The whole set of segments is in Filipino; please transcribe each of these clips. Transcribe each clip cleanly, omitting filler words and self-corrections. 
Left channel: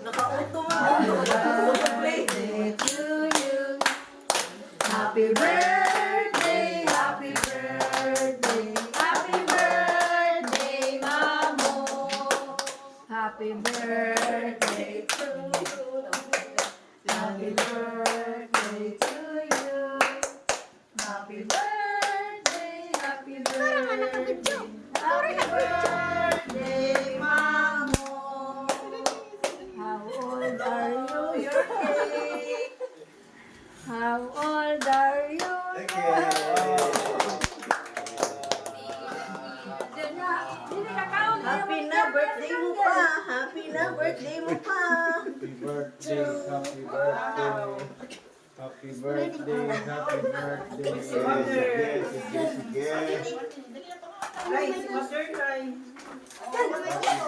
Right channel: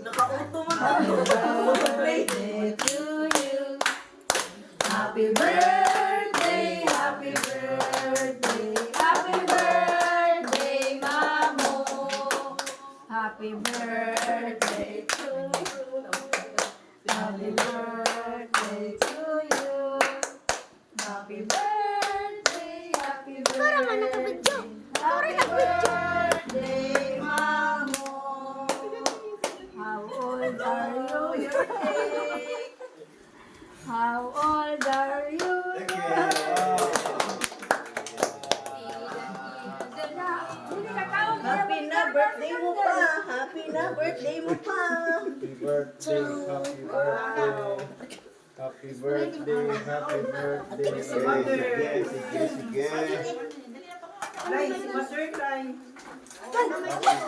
Nakauto mo na. Birthday to you. Happy birthday, happy birthday, happy birthday, Mamo. Happy birthday to you. Happy birthday to you. Happy birthday, happy birthday. Happy birthday, Mamo. How old are you? Your cake. How old are you? Thank you. Happy na birthday mo pa. Happy na birthday mo pa. Happy birthday, happy birthday. Happy birthday, happy birthday. Yes, yes, yes. Ay, si Master Cry. Happy birthday,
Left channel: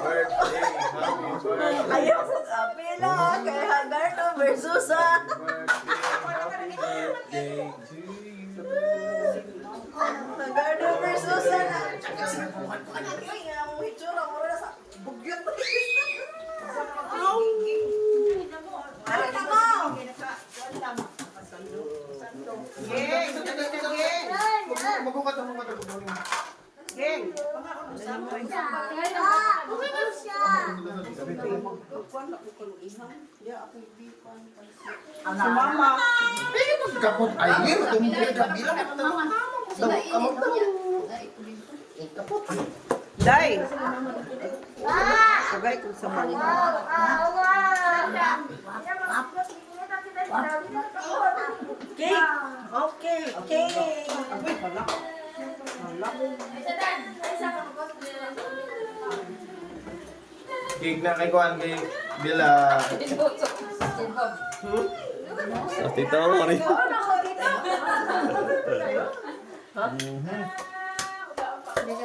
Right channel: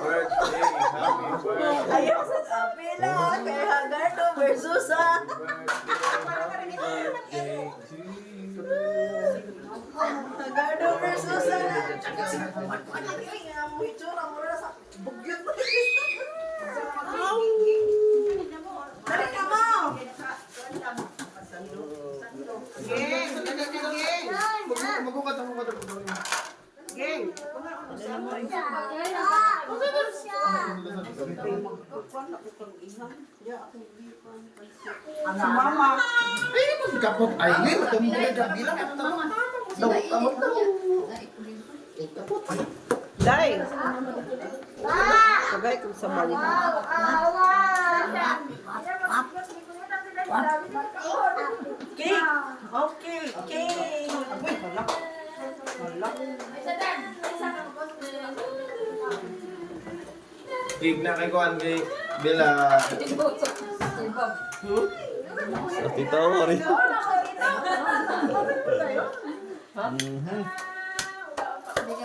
happy birthday. Ayaw sa apela kay Hagardo versus Happy birthday to you. Hagardo versus ay, ang hitsura mo na sa bugyot. Dali na mo. Magukat ang mga tapos. Geng. Mama. Kapot ay ngayon, tumulad ang bilang. Daw, kamot daw. Kapot. Dai. Sabay kung sa mali. Cake. Okay, cake. Agoy, hala. Hala. Gig na kay Kuan, gig. Bila. Sa tita mo rin. Hindi ka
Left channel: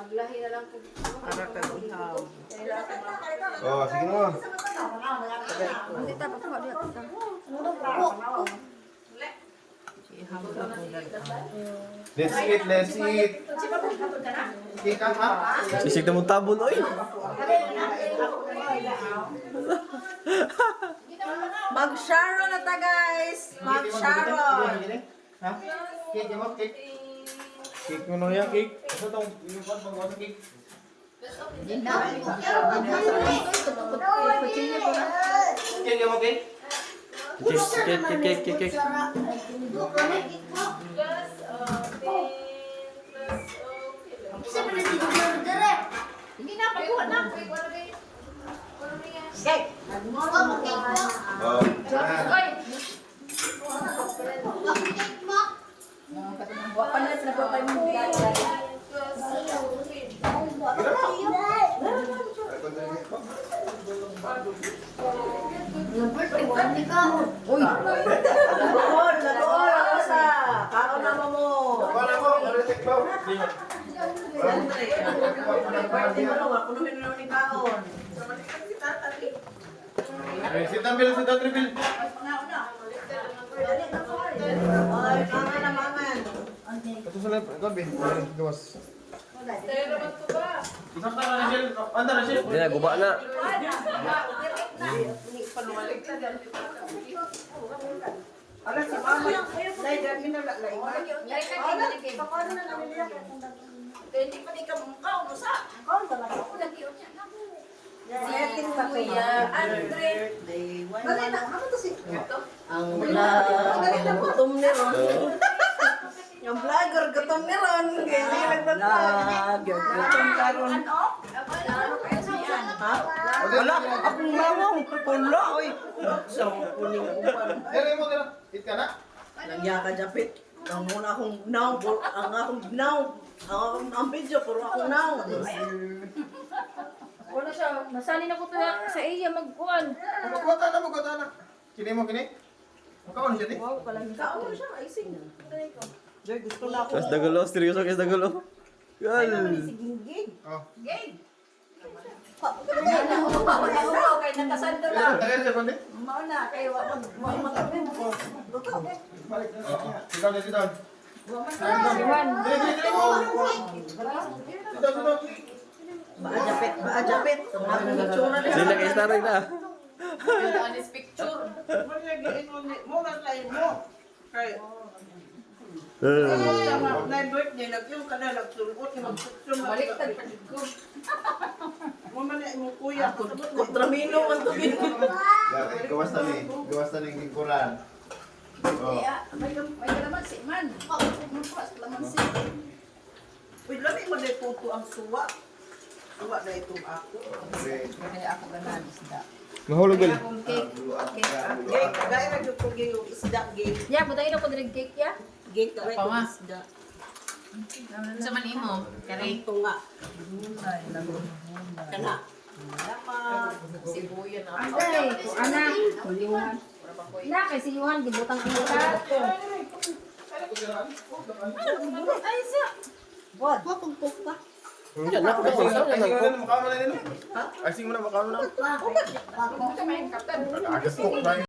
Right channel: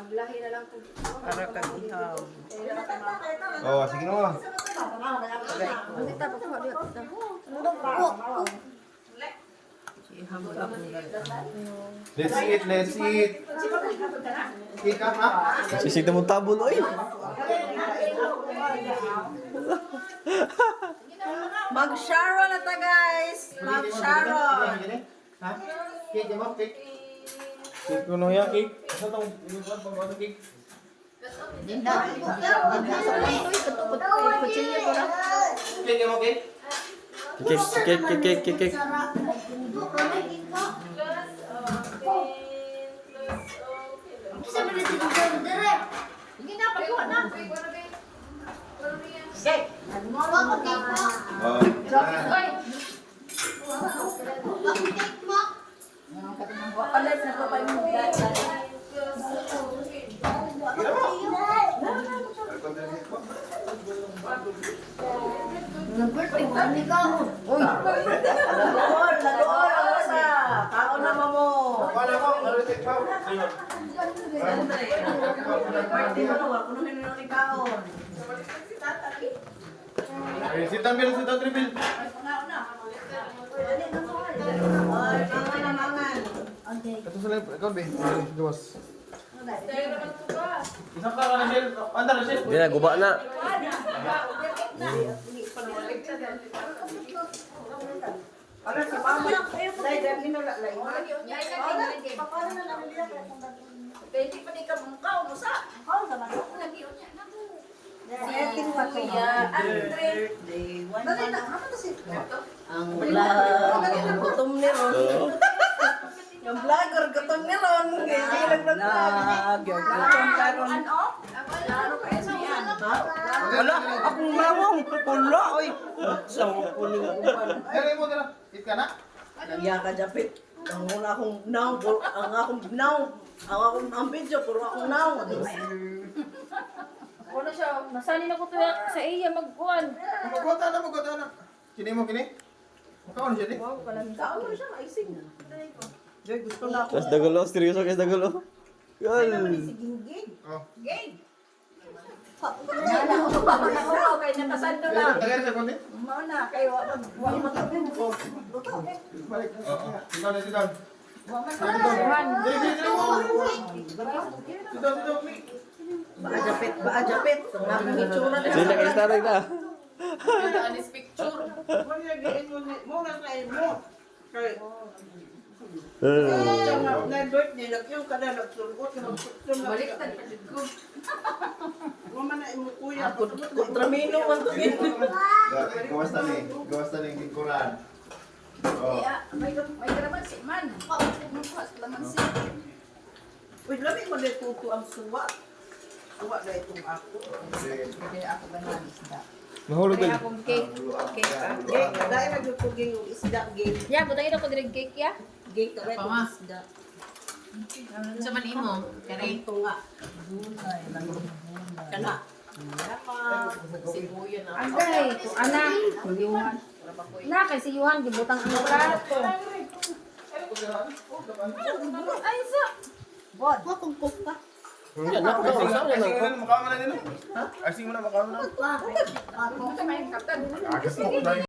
maglahi na lang kung Para kang ihaw. Oh, sige na mo. kita pa po dia kita. Ihaw mo lang kung Let's eat, let's eat. Cake ha? Sisig na mong tabon, oy. Mag-sharon na ta, guys. Mag-sharon. Ha? Cake mo, cake. Cake ko no yan, cake. Ano tong yung pag cake? Cake mo, cake. Kik. Hindi na pagkuha na. Cake. Oh. Wala sa pa pa mo dai. Lagoon ako sa. Kaon na mo. Wala mo, maritik mo. Birthday mo nung ako namin naman ni kaon. Si Tambil, si Tatribil. Ay, mangan na mangan. Ito sa lep, ikaw be. Meron sa gawas. Isang tara na siya. Anda na siya. Hindi na, guba na. Ala si mama. Dai dai minalalay. Hindi pa di ka mukha umusa. Setting pa to. Birthday. Ang gutom ni Ron. Yung vlogger gutom ni Ron. Ganyan lang gutom ka Ron. Wala, akong mawang. Pula, oy. So, kuning ako pa. Dali mo dala. Eat ka na. Nagya ka Japit. Ang una akong now, ang akong now, ang video, puro akong now. Ano siya? Nasali na ko to sa iya magkuan. Magkota na. Kini mo kini? Mukha siya di. Wow, kalang Kaon mo siya, icing. Joy, gusto na ako. Kas dagulo, seryoso kas dagulo. Gal. Si Ginggig. Oh. Wow, kay natasando lang. Dali sa konti. Mao na kay wa matapin ko. Balik. Sit down, sit down. Juan. Dali mo. Baajapit, baajapit. Ang akong itsura na. Sila kay Staroy na. Na birthday, nagyong ka na, nagsulot, Baliktad pa dito. kontramino man to din. Gawas na ni Gingkuran. Oh. May kalamansi man. Magpas kalamansi. Uy, labi mo na tuto ang suwa. Suwa na itong ako. Kaya ako ganan isda. Mahulog Kaya gali. akong cake. Cake ako. Gay, dahil na yung puging yung isda, gay. Ya, butangin ako direct cake ya. Gay ka rin yung isda. Sa man imo, kani Ito nga. Kana. Sibuyan na. Ay, ana. Yuhan. Na kay si Yuhan gibutang ang karot ko. Ay, sa. Bod. Hakong pa. Yan, napakaon sa yan. Mukha mo na nila. Ay, sing mo na mukha mo na. Ako ka may kaptan. Agas mo.